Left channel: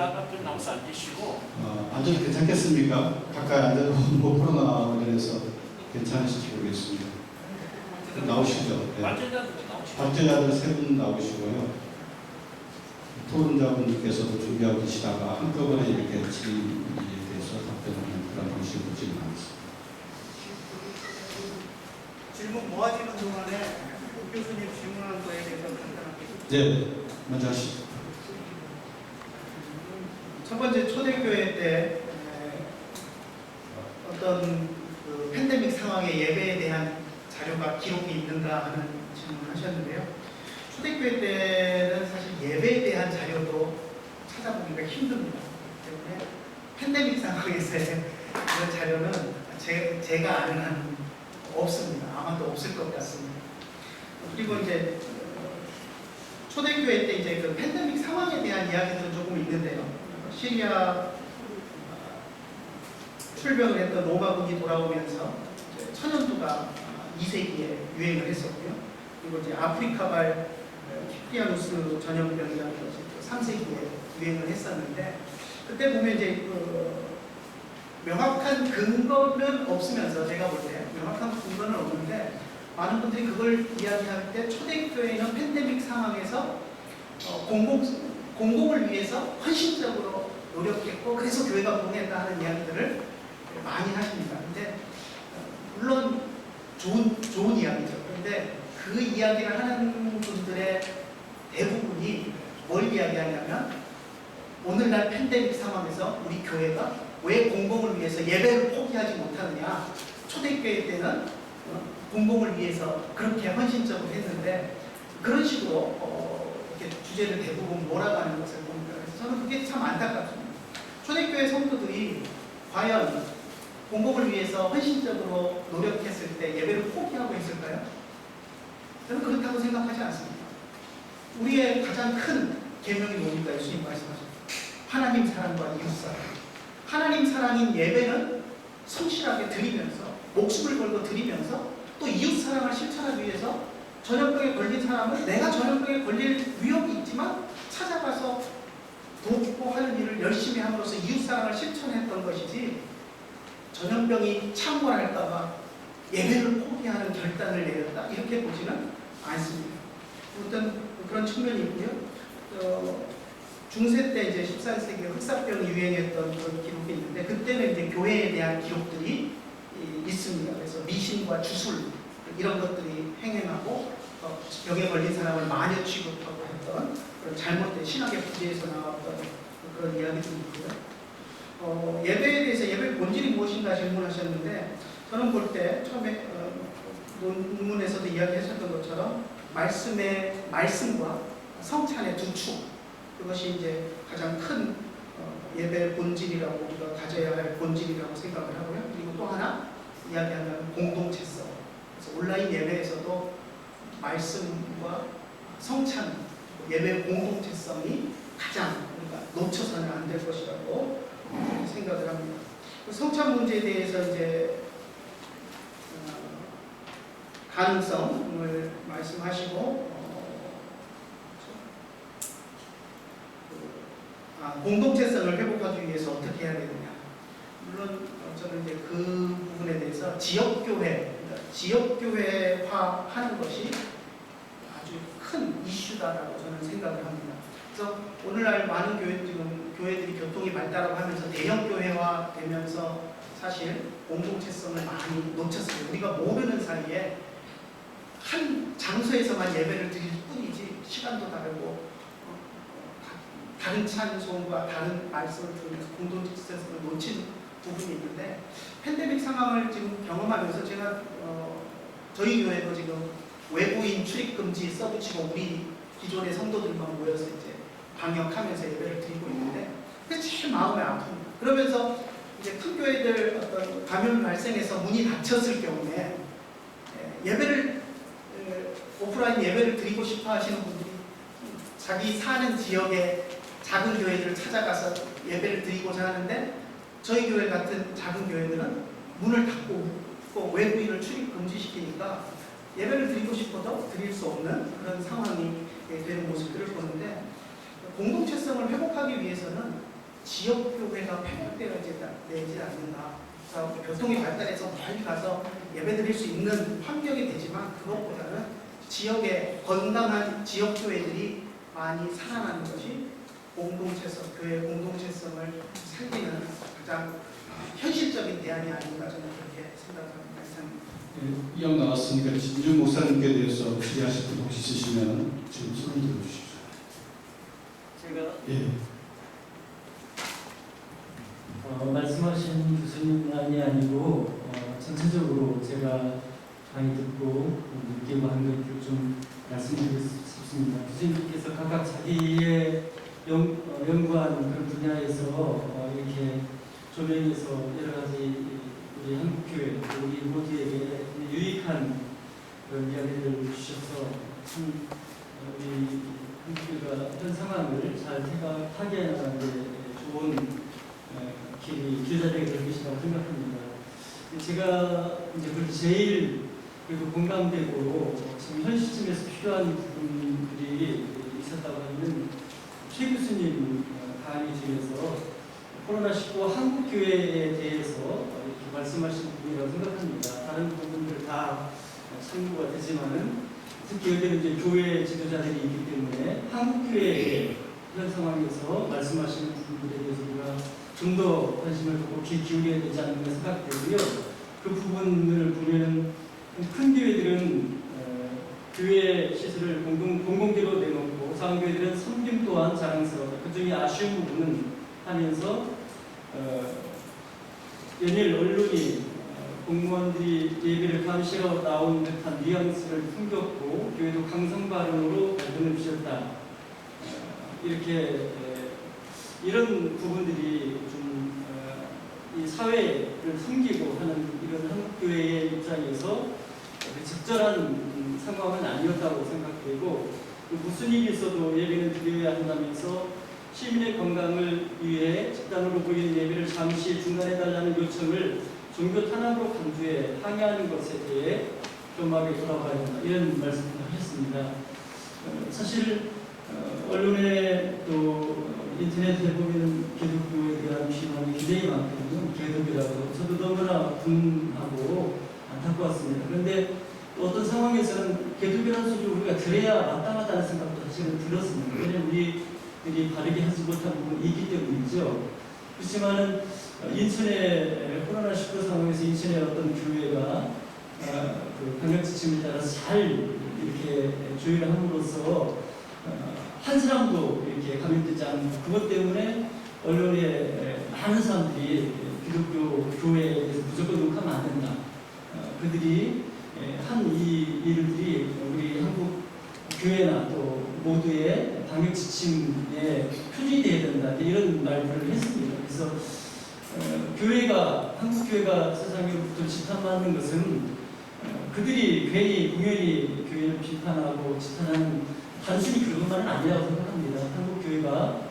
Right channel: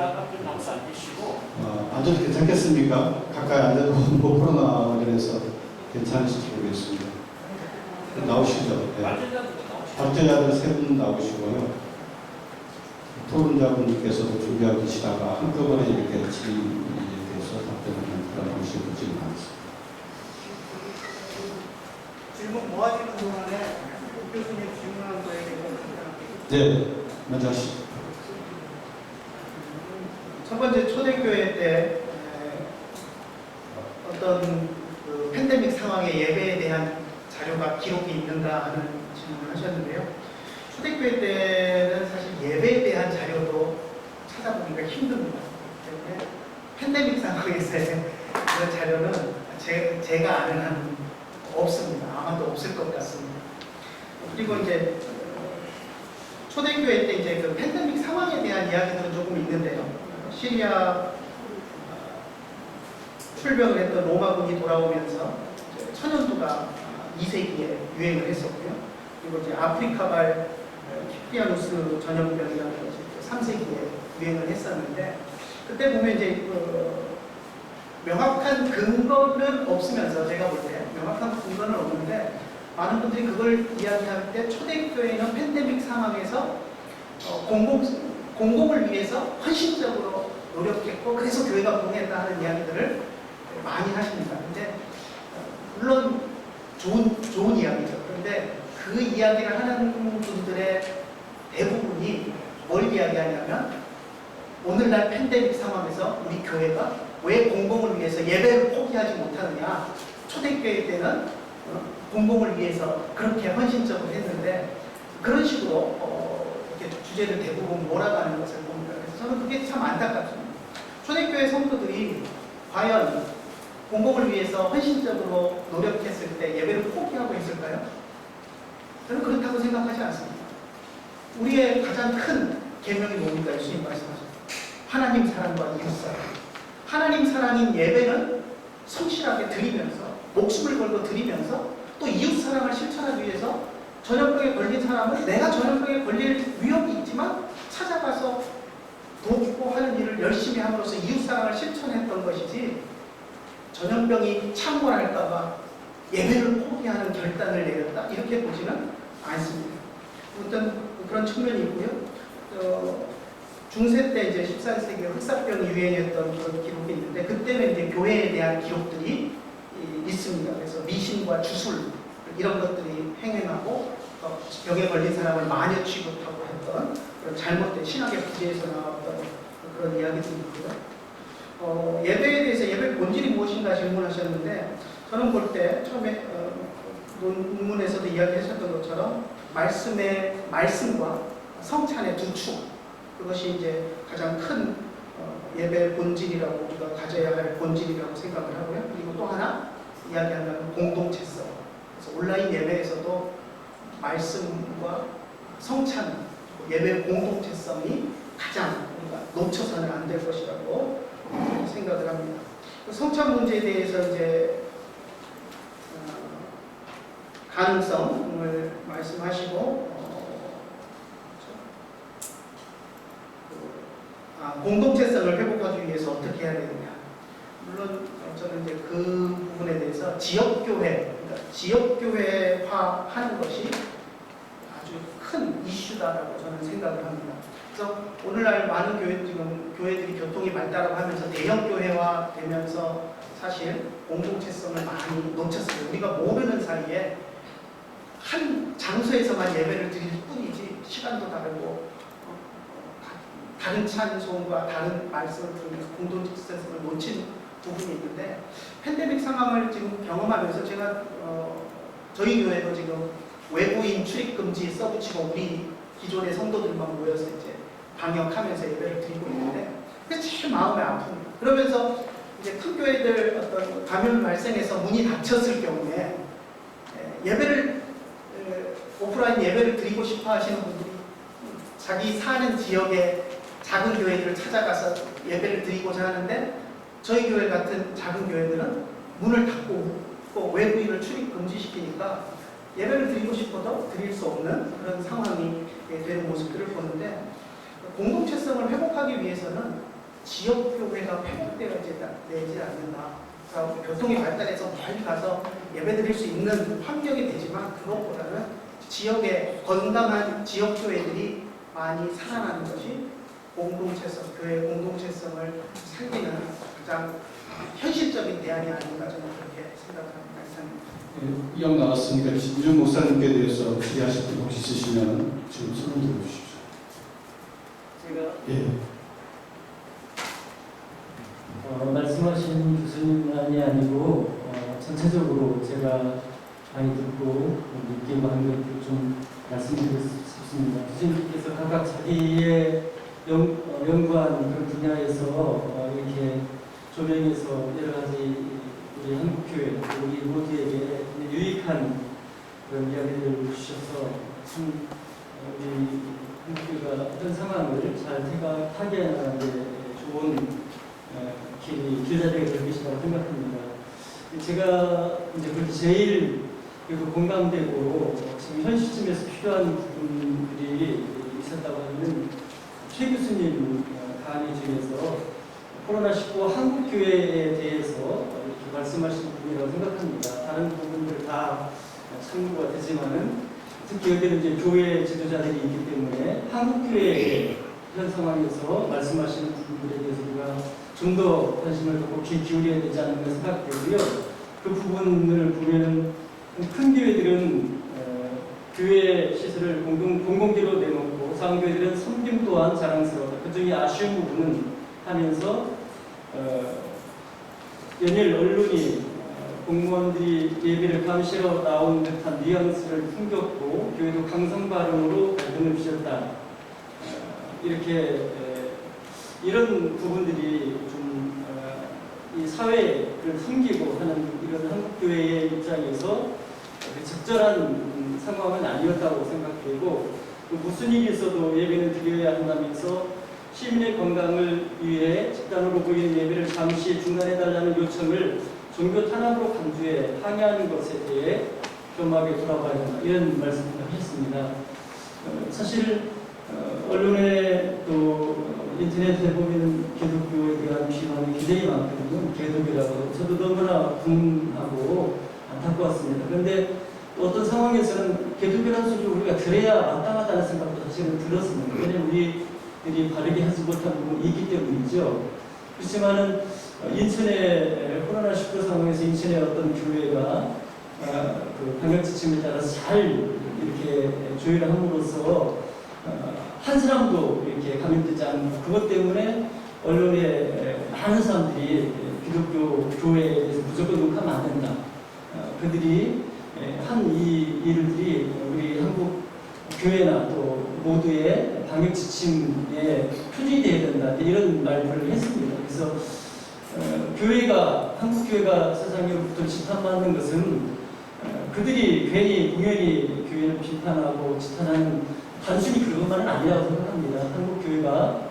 아까 좀 나와서 앉으시고. 앉아도 괜찮겠습니까? 가까이 앉아도 뭐 코로나 관련해서 괜찮으실지 모르겠습니다. 나오시죠. 네. 발제자들 세 분 나오시고요. 토론자분께서도 준비하고 계시다가 한꺼번에 이렇게 질의에 대해서 답변하는 그런 방식으로 진행하겠습니다. 질문 모아지는 동안에 국 교수님 질문한 거에 대해서 간단하게. 네, 먼저 하시죠. 첫 번째 초대교회 때 어떤 그 팬데믹 상황의 예배에 대한 자료가 기록이 있는가 하는 질문을 하셨는데요. 초대교회 때는 사실 예배에 대한 자료도 찾아보기가 힘듭니다. 때문에 팬데믹 상황에서의 그런 자료는 제가 아는 한 없습니다. 아마도 없을 것 같습니다. 그리고 이제 초대교회 때 이제 그 팬데믹 상황에 대한 이야기들은 조금 있는데요. 시리아 출병을 했던 로마군이 돌아오면서 천연두가 2세기에 유행을 했었고요. 그리고 이제 아프리카발 키프리아누스 전염병이라는 것이 3세기에 유행을 했었는데, 그때 보면 이제 명확한 근거는 없으면서, 제가 볼 때 명확한 근거는 없는데 많은 분들이 그걸 이야기할 때 초대교회는 팬데믹 상황에서 공공을 위해서 헌신적으로 노력했고 그래서 교회가 부흥했다 하는 이야기들을 많이 하십니다. 근데 물론 좋은 이야기죠. 그런데 그 이야기를 하는 분들의 대부분이 뭘 이야기하냐면, 오늘날 팬데믹 상황에서 우리 교회가 왜 공공을 위해서 예배를 포기하지 못하느냐, 초대교회 때는 공공을 위해서 그렇게 헌신적으로 했는데, 그런 식으로 이렇게 주제를 대부분 몰아가는 것을 봅니다. 그래서 저는 그게 참 안타깝습니다. 초대교회 성도들이 과연 공공을 위해서 헌신적으로 노력했을 때 예배를 포기하고 있을까요? 저는 그렇다고 생각하지 않습니다. 우리의 가장 큰 계명이 뭡니까? 예수님 말씀하셨죠. 하나님 사랑과 이웃 사랑. 하나님 사랑인 예배는 성실하게 드리면서, 목숨을 걸고 드리면서, 또 이웃 사랑을 실천하기 위해서 전염병에 걸린 사람은 내가 전염병에 걸릴 위험이 있지만 찾아가서 돕고 하는 일을 열심히 함으로써 이웃 사랑을 실천했던 것이지, 전염병이 창궐할까봐 예배를 포기하는 결단을 내렸다, 이렇게 보지는 않습니다. 어떤 그런 측면이 있고요. 중세 때 이제 14세기에 흑사병이 유행했던 그런 기록이 있는데, 그때는 이제 교회에 대한 기록들이 있습니다. 그래서 미신과 주술 이런 것들이 행행하고 병에 걸린 사람을 마녀 취급하고 했던 그런 잘못된 신학의 부재에서 나왔던 그런 이야기들이 있고요. 예배에 대해서 예배의 본질이 무엇인가 질문하셨는데, 저는 볼 때 처음에 논문에서도 이야기하셨던 것처럼 말씀과 성찬의 두 축, 그것이 이제 가장 큰 예배의 본질이라고, 우리가 가져야 할 본질이라고 생각을 하고요. 그리고 또 하나 이야기하면 공동체성. 그래서 온라인 예배에서도 말씀과 성찬, 예배의 공동체성이 가장 우리가 놓쳐서는 안 될 것이라고 생각을 합니다. 성찬 문제에 대해서 이제 가능성을 말씀하시고, 공동체성을 회복하기 위해서 어떻게 해야 되느냐. 물론 저는 이제 그 부분에 대해서 지역교회, 그러니까 지역교회화 하는 것이 아주 큰 이슈다라고 저는 생각을 합니다. 그래서 오늘날 많은 교회들이 교통이 발달하고 하면서 대형 교회화 되면서 사실 공동체성을 많이 놓쳤어요. 우리가 모르는 사이에 한 장소에서만 예배를 드릴 뿐이지 시간도 다르고 다른 찬송과 다른 말씀을 들으면서 공동체성을 놓친 부분이 있는데, 팬데믹 상황을 지금 경험하면서 제가 저희 교회도 지금 외부인 출입 금지 써붙이고 우리 기존의 성도들만 모여서 이제 방역하면서 예배를 드리고 있는데, 그게 제일 마음이 아픕니다. 그러면서 이제 큰 교회들 어떤 감염 발생해서 문이 닫혔을 경우에 예배를 오프라인 예배를 드리고 싶어 하시는 분들이 자기 사는 지역의 작은 교회들을 찾아가서 예배를 드리고자 하는데, 저희 교회 같은 작은 교회들은 문을 닫고 또 외부인을 출입 금지시키니까 예배를 드리고 싶어도 드릴 수 없는 그런 상황이 되는 모습들을 보는데, 공동체성을 회복하기 위해서는 지역교회가 폐쇄되지 않는다. 그러니까 교통이 발달해서 멀리 가서 예배드릴 수 있는 환경이 되지만 그것보다는 지역의 건강한 지역교회들이 많이 살아나는 것이 공동체성, 교회 공동체성을 살리는 가장 현실적인 대안이 아닌가 저는 그렇게 생각합니다. 이상입니다. 이왕 나왔으니까 진중 목사님께 대해서 질의하실 분 혹시 있으시면 지금 손을 들어주십시오. 제가 예. 말씀하신 교수님만이 아니고 전체적으로 제가 많이 듣고 느끼고 한 것들 좀 말씀드리고 싶습니다. 교수님께서 각각 자기의 연구한 그런 분야에서 이렇게 조명해서 여러 가지 우리 한국교회 우리 모두에게 유익한 그런 이야기를 주셔서 참 우리 한국교회가 어떤 상황을 잘 파괴하는 데 좋은 길자리가 될 것이라고 생각합니다. 제가 이제 그렇게 제일 그래도 공감되고 지금 현 시점에서 필요한 부분들이 있었다고 하면 최 교수님 강의 중에서 코로나19 한국교회에 대해서 이렇게 말씀하신 부분이라고 생각합니다. 다른 부분들 다 참고가 되지만은 특히 여기는 이제 교회 지도자들이 있기 때문에 한국교회의 현 상황에서 말씀하시는 부분들에 대해서 우리가 좀 더 관심을 갖고 귀 기울여야 되지 않는가 생각되고요. 그 부분을 보면 큰 교회들은 교회 시설을 공공기로 내놓고 작은 교회들은 섬김 또한 자랑스러웠다. 그 중에 아쉬운 부분은 하면서 연일 언론이 공무원들이 예배를 감시러 나온 듯한 뉘앙스를 풍겼고 교회도 강성 발언으로 갈등을 빚었다. 이렇게 이런 부분들이 좀 이 사회를 숨기고 하는 이런 한국교회의 입장에서 적절한 상황은 아니었다고 생각되고 무슨 일이 있어도 예배는 드려야 한다면서 시민의 건강을 위해 집단으로 보이는 예배를 잠시 중단해달라는 요청을 종교 탄압으로 간주해 항의하는 것에 대해 겸하게 돌아봐야 한다. 이런 말씀을 하셨습니다. 사실 언론에 또 인터넷에 보면 기독교에 대한 비판이 굉장히 많거든요. 기독교라고 저도 너무나 분하고 안타까웠습니다. 그런데 또 어떤 상황에서는 기독교라는 소리를 우리가 들어야 마땅하다는 생각도 사실은 들었습니다. 왜냐하면 우리들이 바르게 하지 못한 부분이 있기 때문이죠. 그렇지만은 인천의 코로나19 상황에서 인천의 어떤 교회가 그 방역 지침에 따라서 잘 이렇게 조율을 함으로써 한 사람도 이렇게 감염되지 않는 그것 때문에 언론에 많은 사람들이 기독교 교회에 대해서 무조건 욕하면 안 된다. 그들이 한 이 일들이 우리 한국 교회나 또 모두의 방역 지침에 표준이 되어야 된다. 이런 말들을 했습니다. 그래서 교회가 한국 교회가 세상으로부터 지탄받는 것은 그들이 괜히 공연히 교회를 비판하고 지탄하는 단순히 그것만은 아니라고 생각합니다. 한국 교회가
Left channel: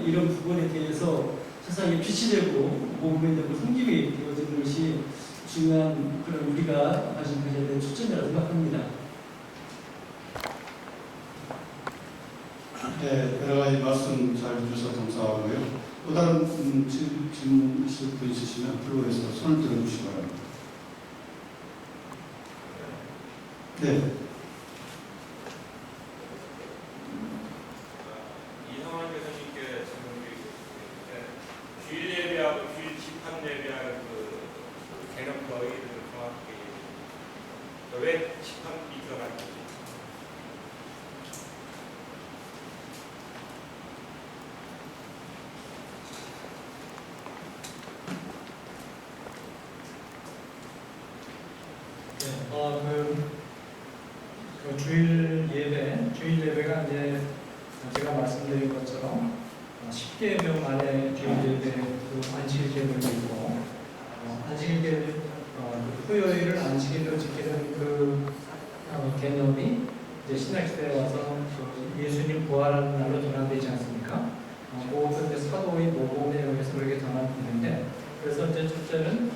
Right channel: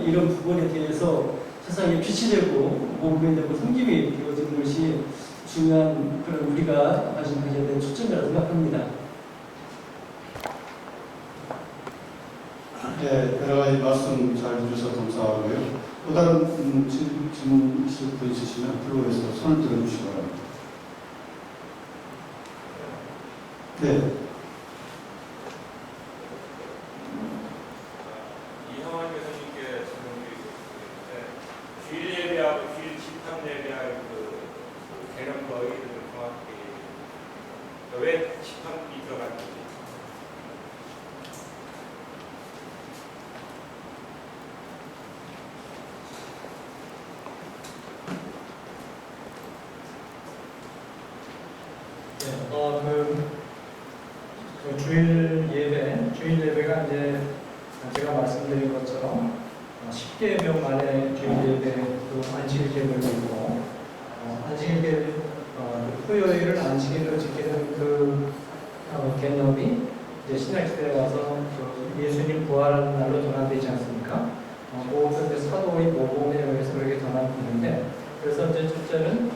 이런 부분에 대해서 세상에 빛이 되고 모범이 되고 섬김이 되어지는 것이 중요한 그런 우리가 가져야 되는 초점이라고 생각합니다. 네, 여러 가지 말씀 잘 주셔서 감사하고요. 또 다른 질문 있을 분 있으시면 들어오셔서 손을 들어주시기 바랍니다. 네. 이상환 교수님께 질문드리겠습니다. 주일 예배하고 주일 집합 예배할 그 개념 거의를 정확히 왜 집합이 들어갔는지. 그 주일 예배가 이제 제가 말씀드린 것처럼 10개명 만에 주일 예배 그 안식일 계획이 있고 안식일 계획 토요일을 안식일로 지키는 그 개념이 이제 신약시대에 와서 그 예수님 부활하는 날로 전환되지 않습니까? 그것도 이제 사도의 모범에 의해서 그렇게 전환되는데 그래서 이제 첫째는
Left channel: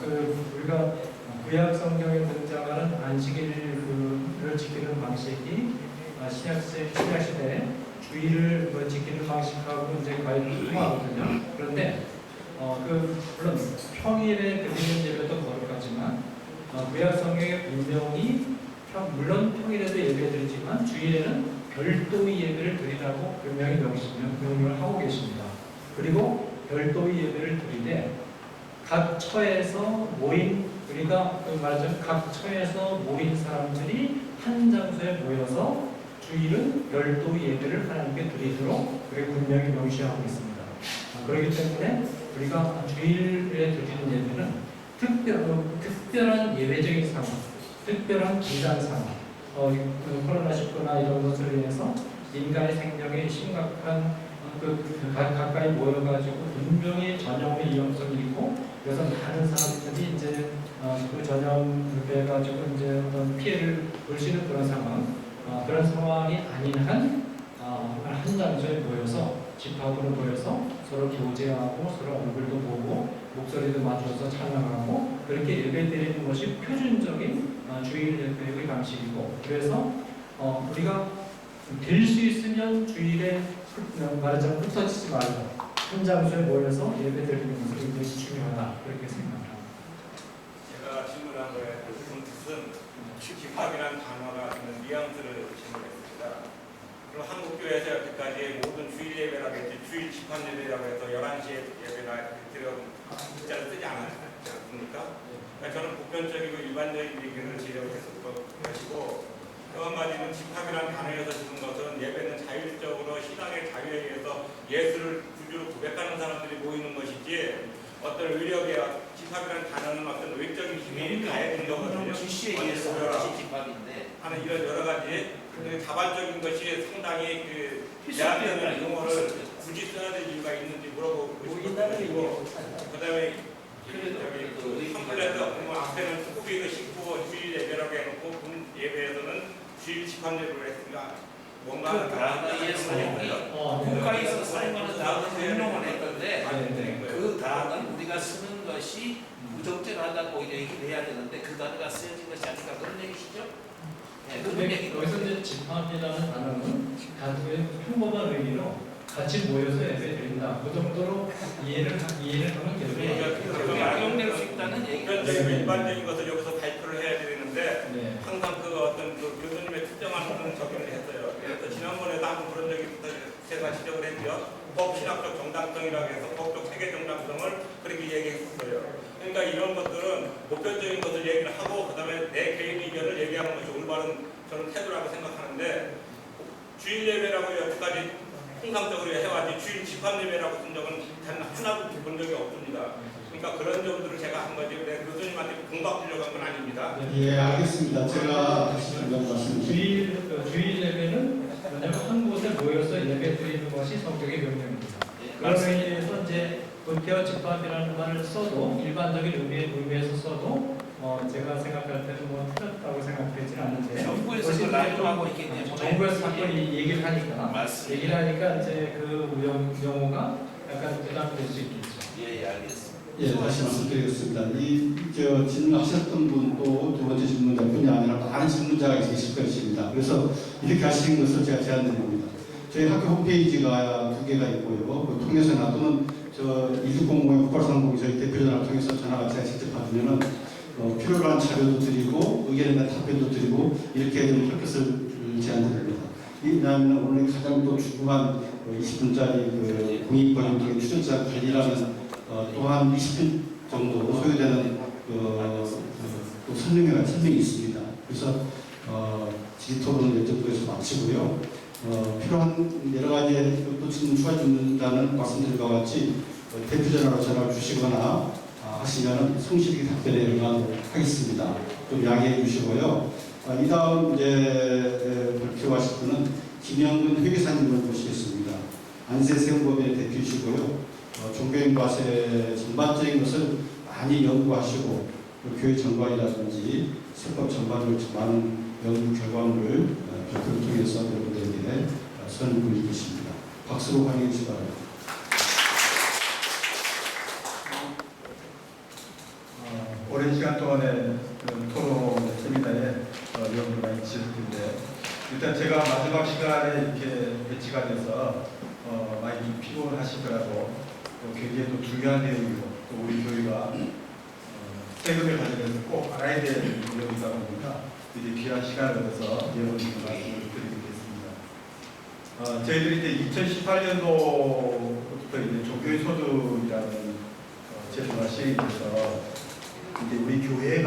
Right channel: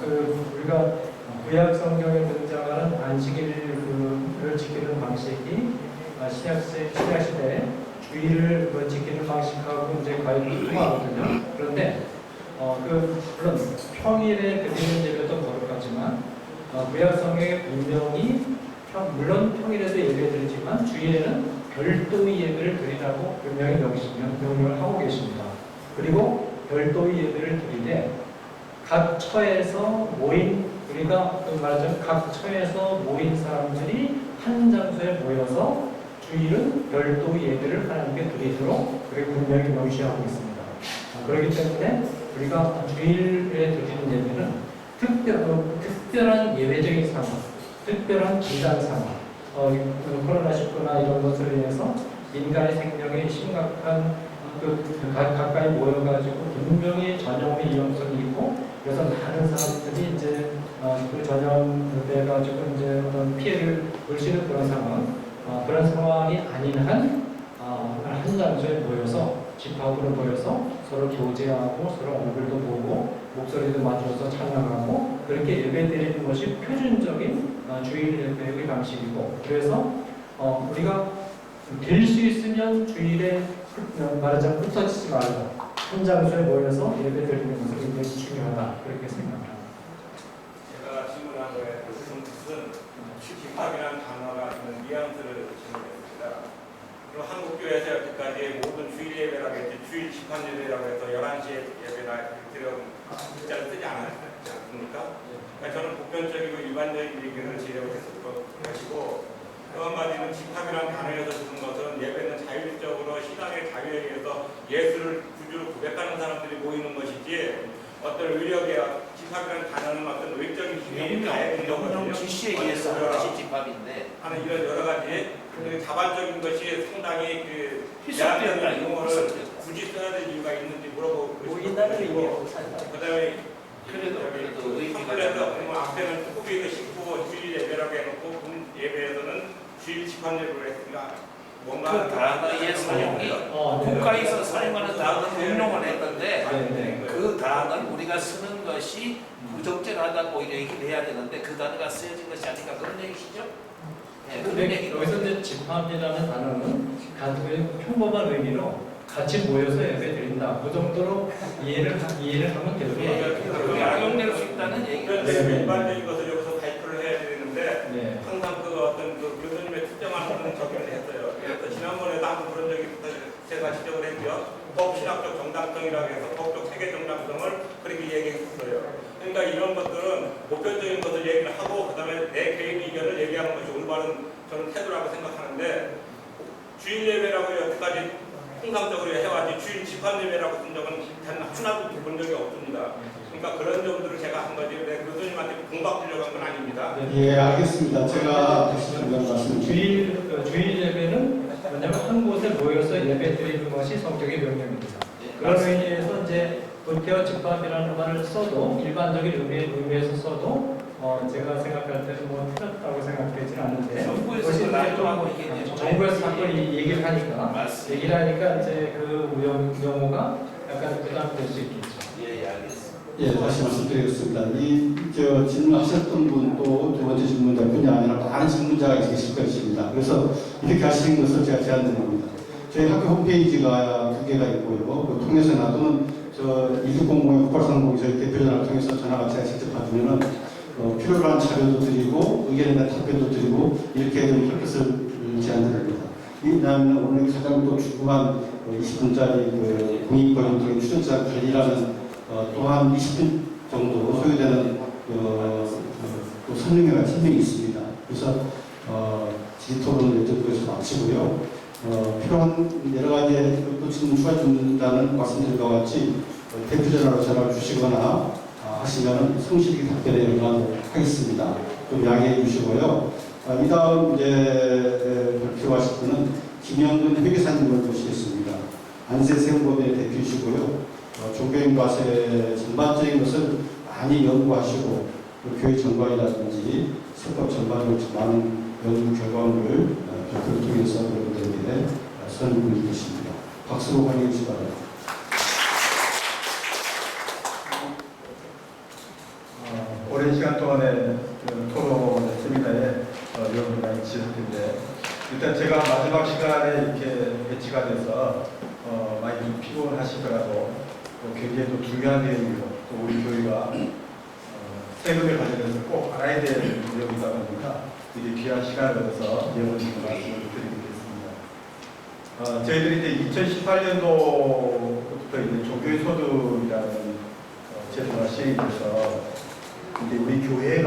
그 우리가 구약 성경에 등장하는 안식일을 지키는 방식이 신약시대에 주의를 지키는 방식하고 이제 과연 통하거든요. 그런데 물론 평일에 드리는 예배도 거룩하지만 구약 성경에 분명히 물론 평일에도 예배드리지만 주일에는 별도의 예배를 드리라고 분명히 명령을 하고 계십니다. 그리고 별도의 예배를 드리되 각 처에서 모인 우리가 말하자면 각 처에서 모인 사람들이 한 장소에 모여서 주일은 별도의 예배를 하나님께 드리도록 그렇게 분명히 명시하고 있습니다. 그렇기 때문에 우리가 주일에 드리는 예배는 특별한 예외적인 상황, 특별한 기단 상황, 코로나19나 이런 것으로 인해서 인간의 생명에 심각한 가까이 모여가지고 분명히 전염의 위험성이 있고 그래서 많은 사람들이 이제 그 전염돼 가지고 이제 어떤 피해를 볼 수 있는 그런 상황, 그런 상황이 아닌 한 장소에 모여서 집합으로 모여서 서로 교제하고 서로 얼굴도 보고 목소리도 맞춰서 찬양하고 그렇게 예배드리는 것이 표준적인 주일 예배의 방식이고 그래서 우리가 될 수 있으면 주일에 말하자면 흩어지지 말고 한 장소에 모여서 예배드리는 것이 굉장히 중요하다 그렇게 생각합니다. 제가 질문한 거에 무슨 집합이라는 단어가 있는 뉘앙스를 질문했습니다. 그럼 한국교회에서 여태까지 모든 주일 예배라고 했지 주일 집합 예배라고 해서 11시에 예배나 이런 글자를 쓰지 않았습니까? 그러니까 저는 보편적이고 일반적인 얘기를 제시하고 것이고 또 한마디는 집합이라는 단어에서 쓰는 것은 예배는 자율적으로 신앙의 자유에 의해서 예수를 구주로 고백하는 사람들이 모이는 것이지 어떤 의력의 집합이라는 단어는 어떤 외적인 힘이 가해진 거거든요. 지시에 의해서 하는 집합인데 하는 이런 여러 가지 자발적인 것이 상당히 필수적인 용어를 굳이 써야 될 이유가 있는지 물어보고 싶고 그다음에 저기 한글에서 보면 앞에는 후비도 싣고 주일 예배라고 해놓고 본 예배에서는 주일 집합 예배를 했으니까 뭔가 그 단어의 사용이 국가에서 사용하는 단어 명령을 했던데 그 단어를 우리가 쓰는 것이 부적절하다고 얘기를 해야 되는데 그 단어가 쓰여진 것이 아닌가 그런 얘기시죠? 네, 그런 얘기로 여기서 이제 집합이라는 단어는 단순히 평범한 의미로 같이 모여서 예배 드린다. 그 정도로 이해를 하면 그게 악용될 수 있다는 얘기죠. 일반적인 것을 여기서 발표를 해야 되는데 네. 항상 어떤 교수님의 특정한 부분을 적용을 했어요. 그래서 지난번에도 한번 그런 적이 있어서 제가 지적을 했죠. 법신학적 정당성이라고 해서 법적 세계 정당성을 그렇게 얘기했었어요. 그러니까 이런 것들은 보편적인 것을 얘기를 하고 그다음에 내 개인 의견을 얘기하는 것이 올바른 저는 태도라고 생각하는데 주일 예배라고 여기까지 통상적으로 해왔지 주일 집합 예배라고 쓴 적은 단 하나도 본 적이 없습니다. 그러니까 그런 점들을 제가 한 거지 교수님한테 공박 주려고 한 건 아닙니다. 예, 알겠습니다. 제가 다시 한번 말씀드리겠습니다. 주일 예배는 뭐냐면 한 곳에 모여서 예배 드리는 것이 성경의 명령입니다. 그런 의미에서 이제 본태와 집합이라는 말을 써도 일반적인 의미에서 써도 제가 생각할 때는 뭐 틀렸다고 생각되지는 않는데 정부에서 나누고 있겠네요. 정부에서 자꾸 얘기를 하니까 이제 그 용어가 약간 부담될 수 있겠죠. 예, 알겠습니다. 예, 다시 말씀드리겠습니다. 질문하셨던 분도 두 번째 질문자뿐이 아니라 많은 질문자가 계실 것입니다. 그래서 이렇게 하시는 것을 제가 제안드립니다. 저희 학교 홈페이지가 2개가 있고요. 그 통해서나 또는 2600 국가상공 저희 대표전화를 통해서 전화가 제가 직접 받으면은 필요한 자료도 드리고 의견에 대한 답변도 드리고 이렇게 좀 혈것을 제안드립니다. 왜냐하면 오늘 가장 또 중요한 20분짜리 공익번영 출연자 관리라는 또한 20분 정도 소요되는 또 설명이 있습니다. 그래서 질의토론을 여쭤보에서 마치고요. 필요한 여러 가지 또 지금 추가 준다는 말씀드린 것과 같이 대표전화로 전화를 주시거나 하시면 성실히 답변에 응하겠습니다. 좀 양해해 주시고요. 이 다음 이제 발표하실 분은 김영근 회계사님을 모시겠습니다. 안세세운법의 대표이시고요. 종교인과세 전반적인 것을 많이 연구하시고 교회 정관이라든지 세법 전반적으로 많은 연구 결과물을 발표를 통해서 여러분들에게 설명을 드리겠습니다. 박수로 환영해 주시기 바랍니다. 오랜 시간 동안의 토론 세미나에 여러분 많이 지셨을 텐데 일단 제가 마지막 시간에 이렇게 배치가 돼서 많이 좀 피곤하시더라도 또 굉장히 또 중요한 내용이고 또 우리 교회가 세금을 관련해서 꼭 알아야 될 내용이다 보니까 이제 귀한 시간을 얻어서 예언님 말씀을 드리겠습니다. 저희들이 이제 2018년도부터 이제 종교의 소득이라는 제도가 시행이 돼서 이제 우리 교회